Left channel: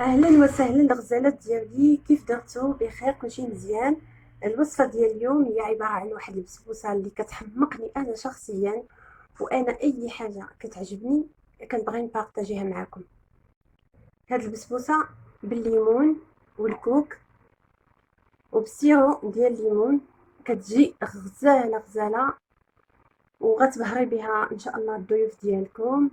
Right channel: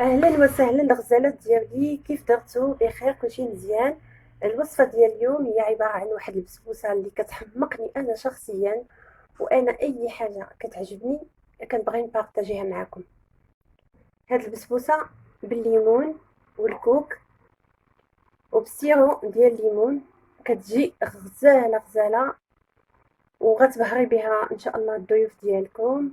اهلا وسهلا الغزالات ديالي، كيف درتو؟ بخير؟ كلشي مزيان. الوصفه ديال اليوم هي عباره عن واحد البسبوسه اللي كتحمقني انا شخصيا، وانا اي حاجه كتعجبني كنبغي نبارطاجيها معكم. هاد البسبوسه بالليمون والكوك وبالسيرو ديال الليمون، كتجي غزاله غزاله، وغتبهري بها ان شاء الله الضيوف ديالكم.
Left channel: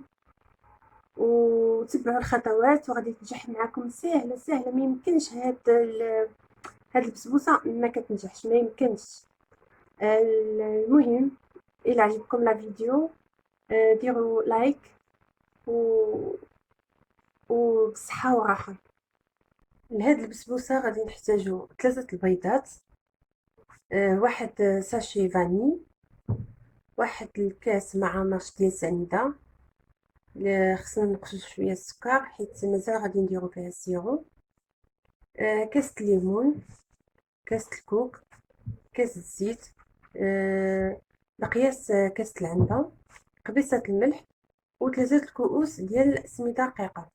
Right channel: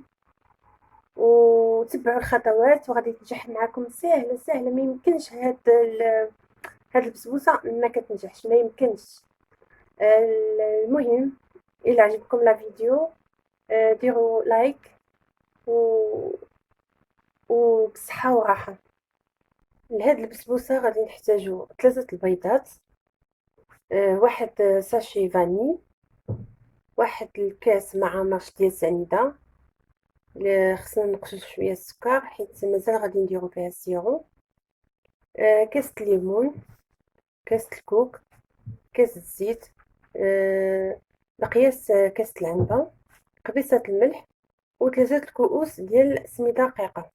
وتبعوا الخطوات وغادي تنجح معكم، سهله سهله. ما يمكنش هاد البسبوسه ما كتنجحش، ما يمكنش. المهم، الى عجبكم لا فيديو ديروا لايك و... وبصحه وراحه. لهاد البسبوسه غادي نحتاجو 3 البيضات، واحد ساشي فاني، واحد الكاس مع ماش ديال سنيده. خصنا نقصو شويه السكر حيت مازال غادي نديرو فيها السيرو. كاس الليمون، كاس الكوك، كاس الزيت، بقياس كاس العنبه، قبيصه الملح، و3 الكؤوس ديال السميده رقيقه.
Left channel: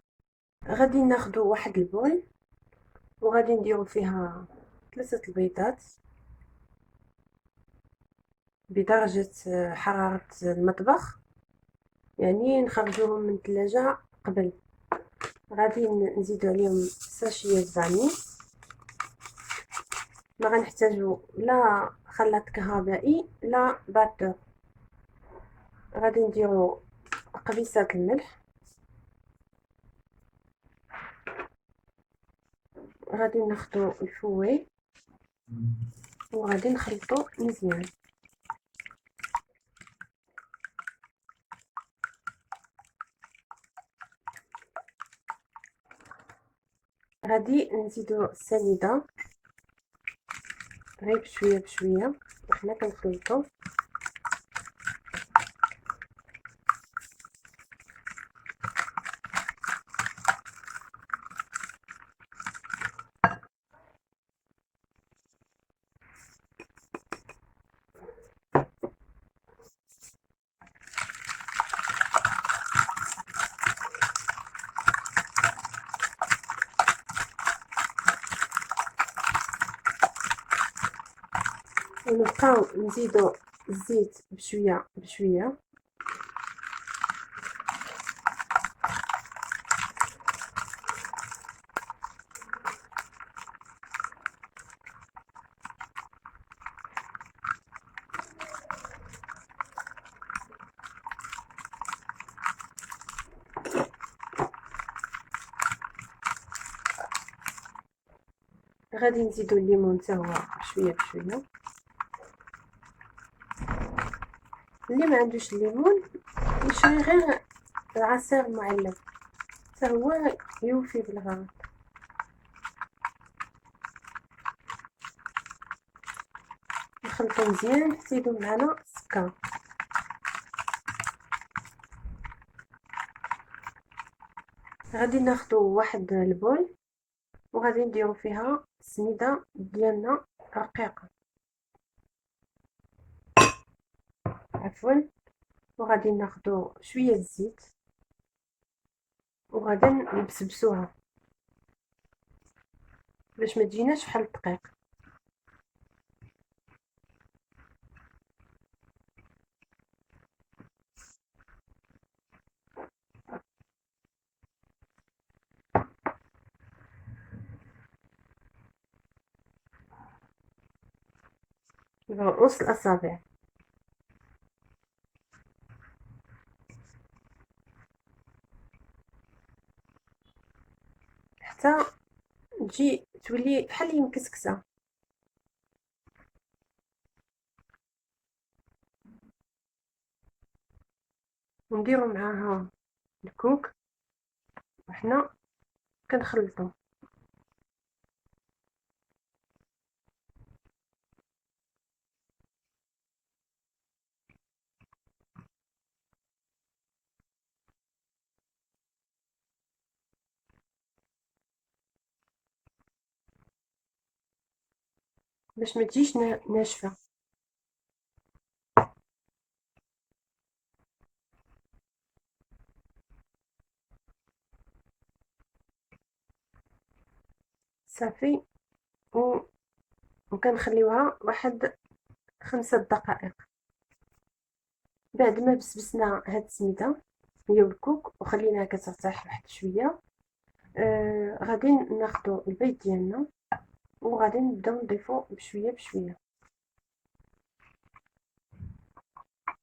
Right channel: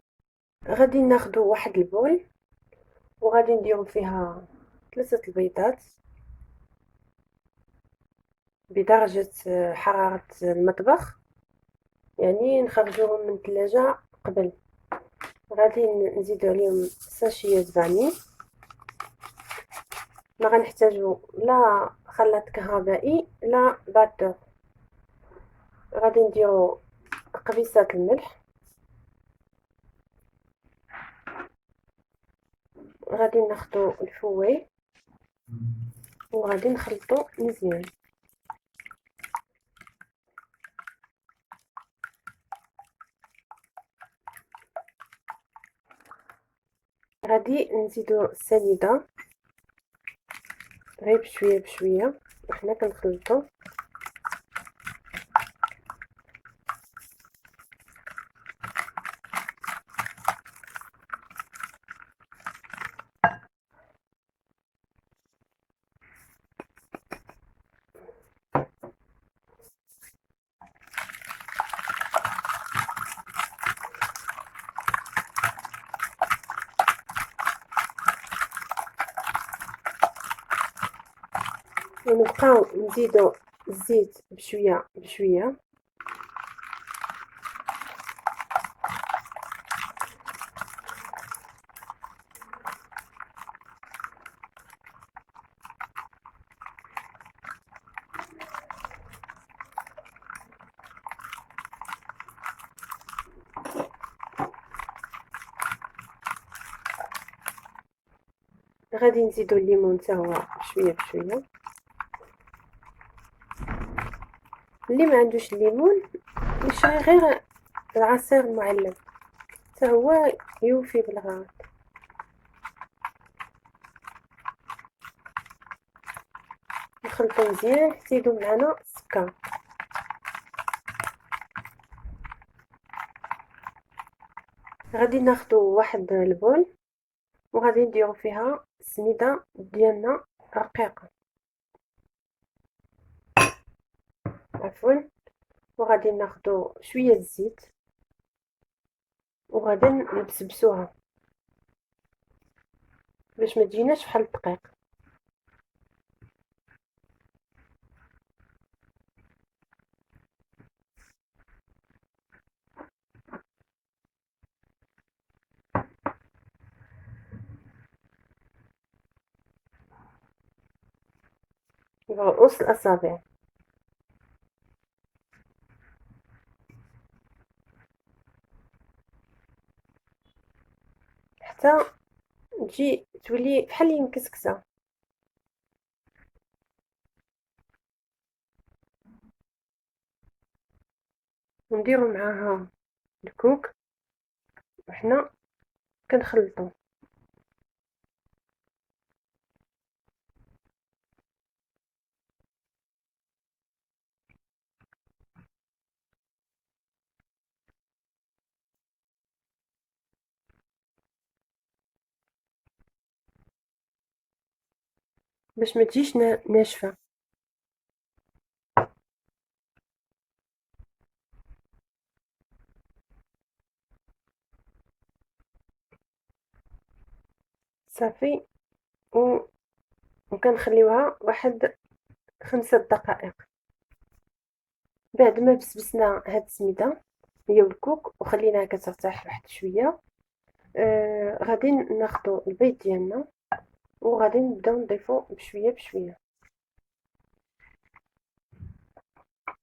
غادي ناخدو واحد البول وغادي نديرو فيها 3 البيضات بدرجه حراره المطبخ، يعني نخرجوهم من الثلاجه قبل. غادي نزيدو عليهم ساشيه فاني. ما غنحتاجو لا خلاط كهربائي لا باتور. غادي نديرو قبيصه الملح، غادي ناخدو الفوي وغادي نخلطو مزيان. غادي نزيدو السنيده غير بشويه بشويه وحنا كنخلطو. ونبقاو نزيدو الزيت بشويه بشويه. غادي نزيدو الليمون حتى هو بشويه بشويه. اللي ما عندوش الليمون يشري غير العصير معلب حتى هو يوفي بالغرض. نخلطو مزيان حتى يذوب معنا السكر. غادي ناخدو واحد البول وغادي نديرو فيها السميده ديالنا رقيقه، عفوا. وغادي ناخدو شويه الزيت وغادي نبسبسوها باش ما تجيناش بحال الدقيق. نقص الاصابع حتى تجي تولي بحال اللي مكسكسه. ونديرو معاها الكوك وحنا كنخلطو. باش ما تجيش ناشفه. صافي. و وكنخليوها واحد 5 دقائق. بعد ما بسبسنا هاد السميده هي والكوك وخليناها كترتاح واحد شويه، غادي ناخدو البيض ديالنا وغادي نبداو نضيفو بشويه بشويه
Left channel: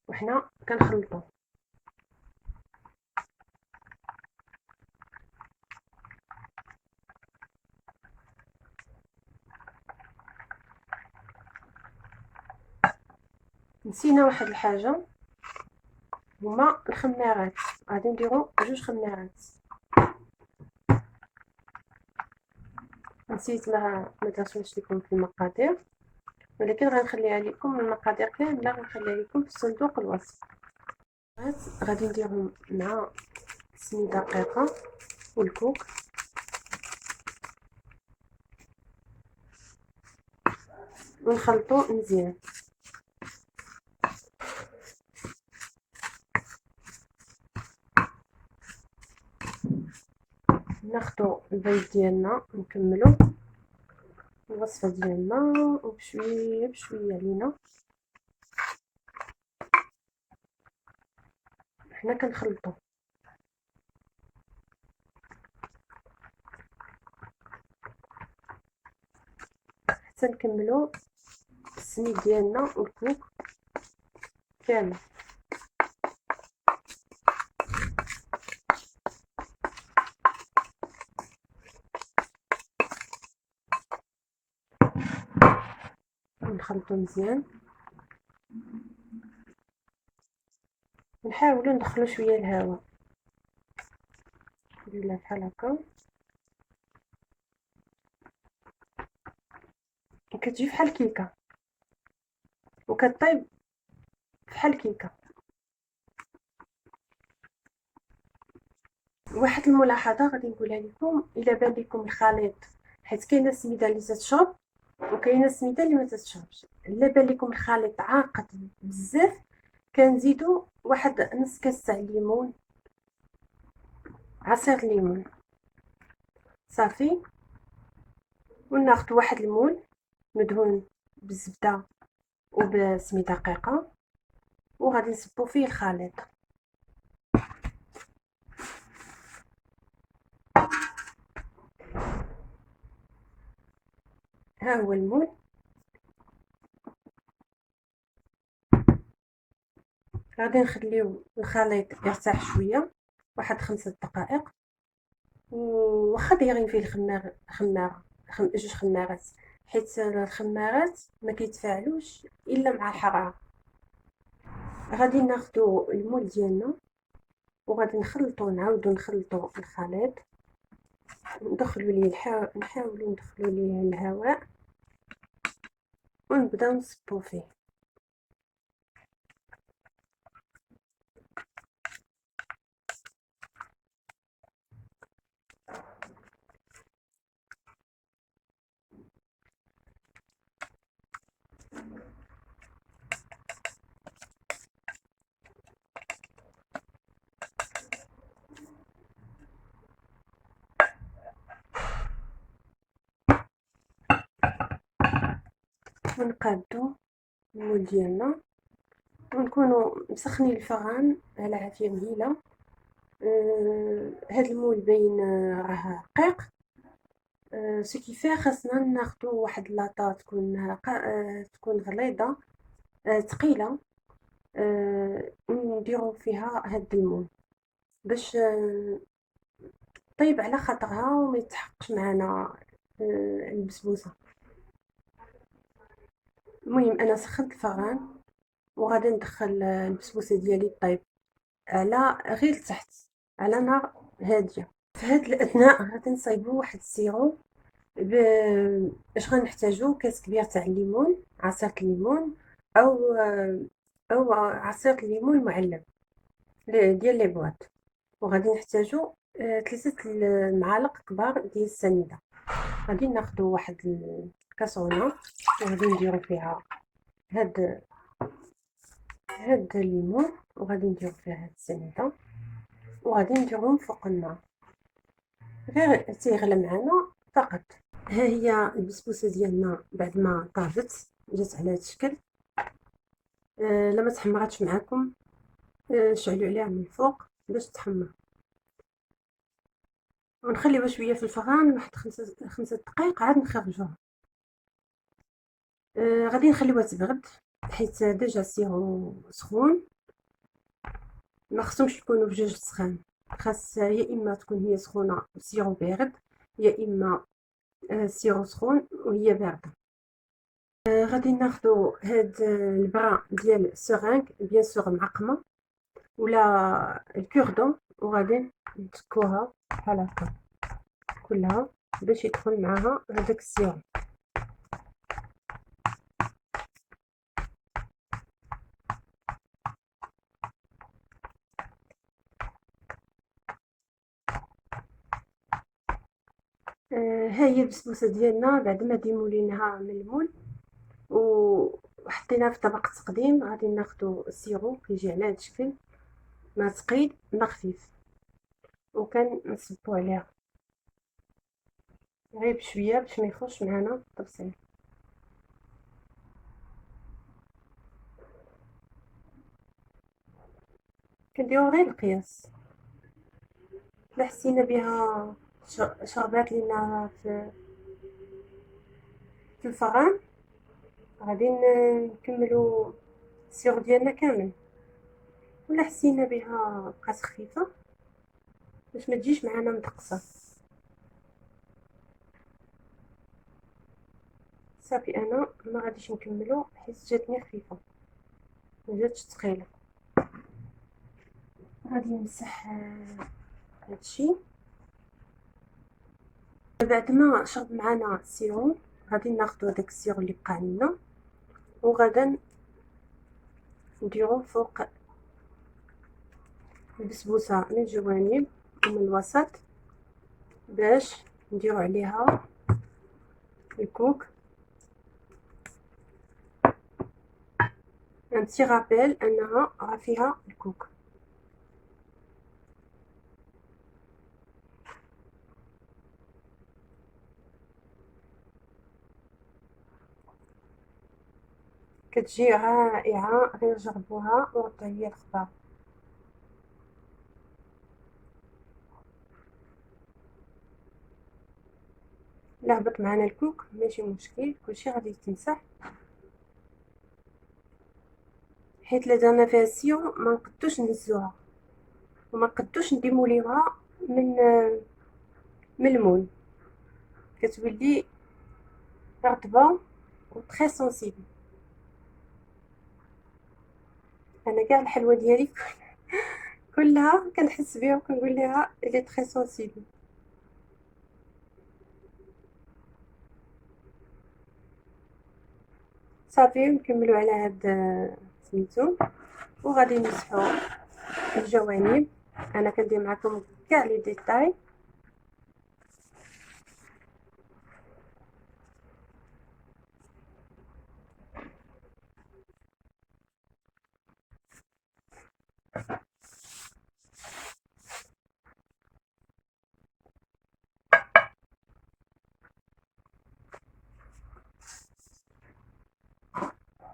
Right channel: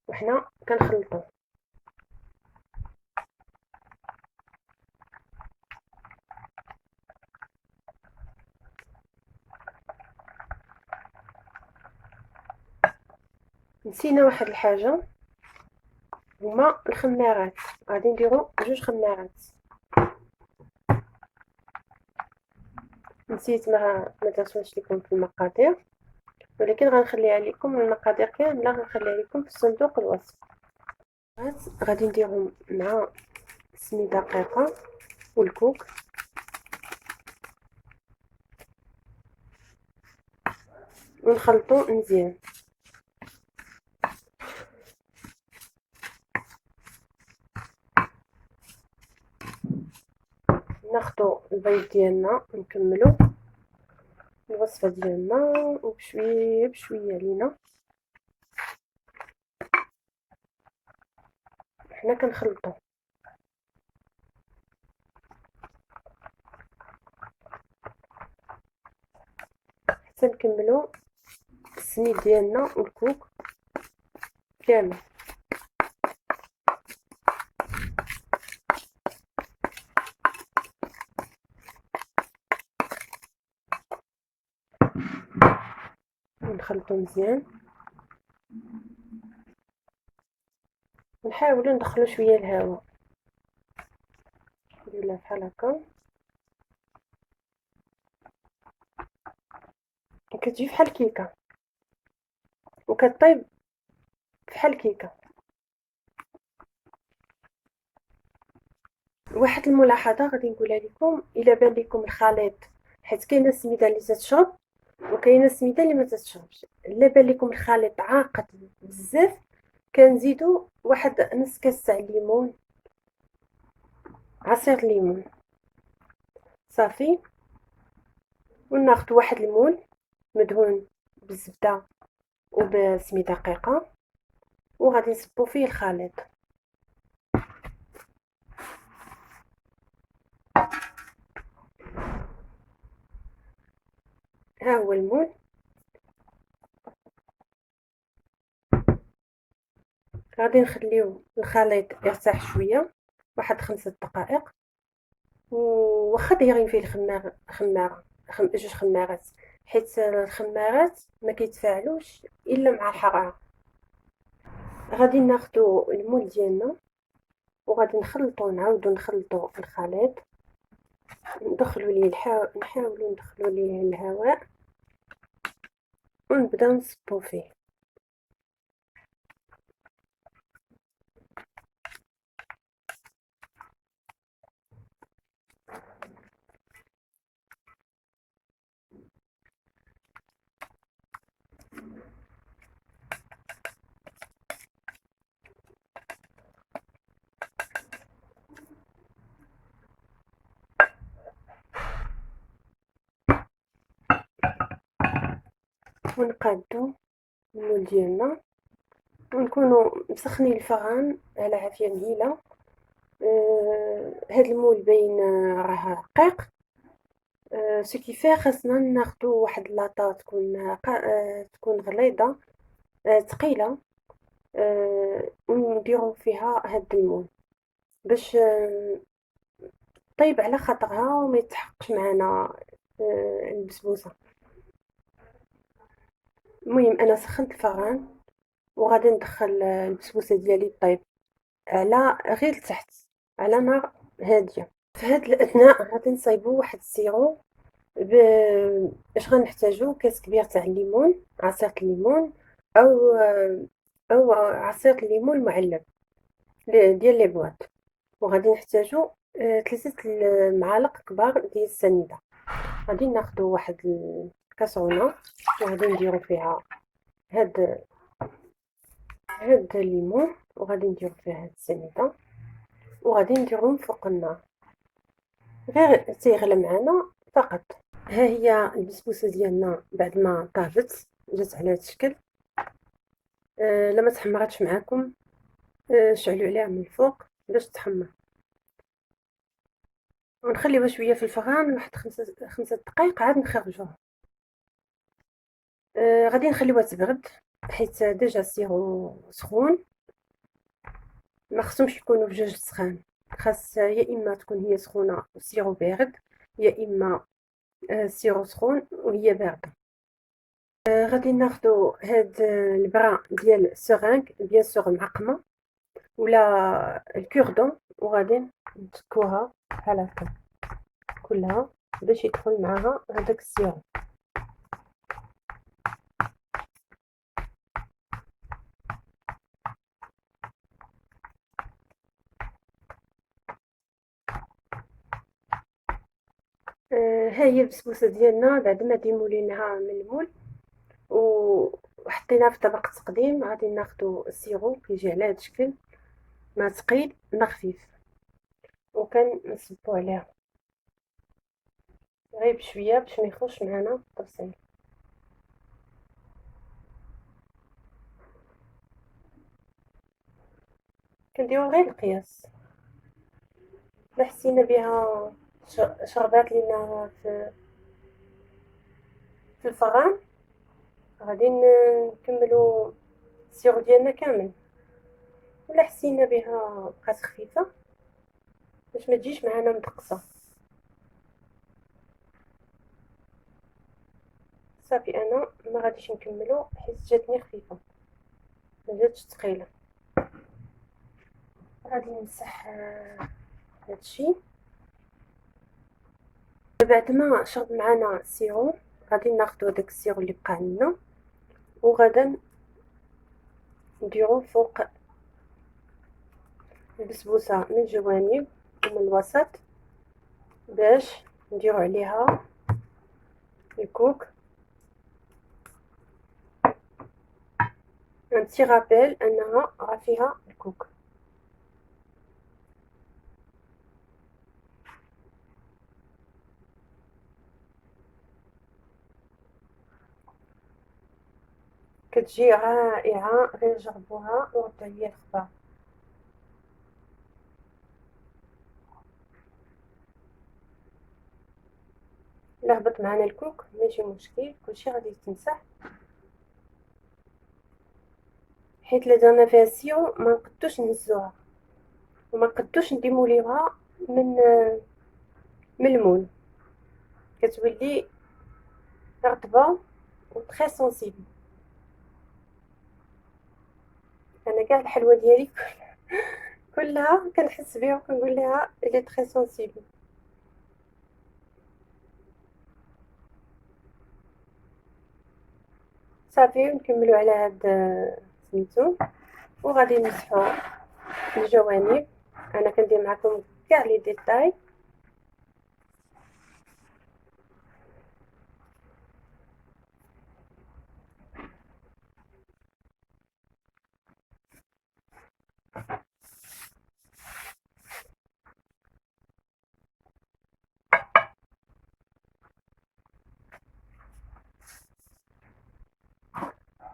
وحنا كنخلطو. نسينا واحد الحاجه، هما الخمارات. غادي نديرو 2 خمارات. نسيت ما درتوش لكم في المقادير، ولكن غنخليها لكم المقادير كامله، غنخليها لكم في صندوق الوصف. غادي نديرهم مع السميده دقيقه والكوك ونخلطو مزيان. ناخدو البيض ديالنا نكملو الوصفه ديالنا وبشويه بشويه لينا حنا كنخلطو حتى نكملو السميد ديالنا والكوك كامل. نخلطو مزيان ونحاولوا ندخلو شويه الهواء، نديرها بحال هكا وكتجي بحال الكيكه وكطيب بحال الكيكه. واحد الملاحظه غادي نقولها لكم، الا بان لكم الخليط، حيت كاينه السميده اللي تتشرب وكاينه السميده اللي ما تتشربش، الا بان لكم الخليط عاقد بزاف كنزيدوا واحد نص كاس تاع الليمون، عصير الليمون. صافي. وناخذ واحد المول مدهون بالزبده وبسميده دقيقه وغادي نصبو فيه الخليط. ها هو المول. غادي نخليو الخليط يرتاح شويه واحد 5 دقائق، وواخا دايرين فيه خماره 2 خمارات، حيت الخمارات ما كيتفاعلوش الا مع الحراره. غادي ناخدو المول ديالنا وغادي نعاودو نخلطو الخليط، ندخلو ليه نحاولو ندخلو ليه الهواء ونبداو نصبو فيه. ونقادو المول ديالنا ونكونوا مسخنين الفران على عافيه مهيله. هاد المول باين راه رقيق، سو كيفاه خاصنا ناخدو واحد لاطا تكون غليظه ثقيله، ونديرو فيها هاد المول باش طيب على خاطرها وما يتحقش معنا البسبوسه. المهم انا سخنت الفران وغادي ندخل البسبوسه ديالي طيب على غير لتحت على نار هاديه. في هاد الاثناء غادي نصايبو واحد السيرو. اش غنحتاجو؟ كاس كبير تاع الليمون، عصير الليمون او عصير الليمون معلب ديال لي بواط. وغادي نحتاجو 3 معالق كبار ديال السنيده. غادي ناخدو واحد الكاسرونه وغادي نديرو فيها هاد الليمون وغادي نديرو فيها هاد السنيده وغادي نديرهم فوق النار غير تيغلى معنا فقط. ها هي البسبوسه ديالنا بعد ما طابت جات على هذا الشكل. لما تحمراتش معاكم شعلوا عليها من الفوق باش تحمر، ونخليوها شويه في الفران واحد 5 دقائق عاد نخرجوها. غادي نخليوها تبرد حيت ديجا السيرو سخون، ما خصهمش يكونوا بجوج سخان، خاص يا اما تكون هي سخونه والسيرو بارد، يا اما السيرو سخون وهي بارده. غادي ناخدو هاد البرا ديال السرنج بيان سور معقمه ولا الكوردون، وغادي نتكوها بحال هكا كلها باش يدخل معاها هذاك السيرو. ها هي البسبوسه ديالنا بعد ما ديموليناها من المول وحطيناها في طبق تقديم. غادي ناخدو السيرو كيجي على هذا الشكل، ما ثقيل ما خفيف، وكنصبو عليها غير بشويه باش ما يخرجش معنا التبصيل. كنديرو غير القياس، لا حسينا بها شربات لينا في الفران غادي نكملو السيرو ديالنا كامل، ولا حسينا بها بقات خفيفه باش ما تجيش معنا مدقصه. صافي انا ما غاديش نكملو حيت جاتني خفيفه ما جاتش ثقيله. غادي نمسح هادشي بعد ما شرب معنا السيرو. غادي ناخدو داك السيرو اللي بقى لنا وغادا نديرو فوق البسبوسه من الجوانب ومن الوسط باش نديرو عليها الكوك. ان بتي رابيل انها راه فيها الكوك. كتجي رائعه، غير جربوها وردوا عليا الخبر. لا هبط معنا الكوك ماشي مشكل، كلشي غادي يتمسح حيت لا درنا فيها السيرو ما نقدوش نهزوها وما نقدوش نديموليوها من المول، كتولي رطبه و تري سونسيبل. انا كاع الحلوى ديالي كلها كنحس بها وكنقول لها الي تري سونسيبل. صافي نكملوا على هاد سميتو وغادي نمسحوا الجوانب. انا كندير معكم كاع لي ديتاي.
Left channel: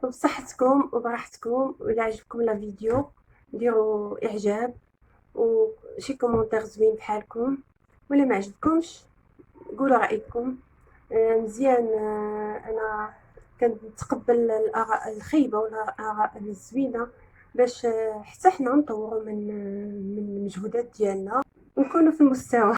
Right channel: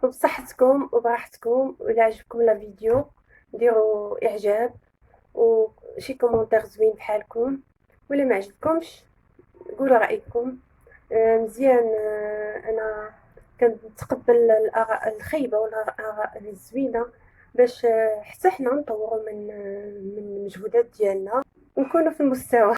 وبصحتكم وبراحتكم، وإلا عجبكم لا فيديو ديروا اعجاب وشي كومونتير زوين بحالكم، ولا ما عجبكمش قولوا رايكم. مزيان. انا كنتقبل الاراء الخايبه والاراء الزوينه باش حتى حنا نطوروا من المجهودات ديالنا ونكونوا في المستوى.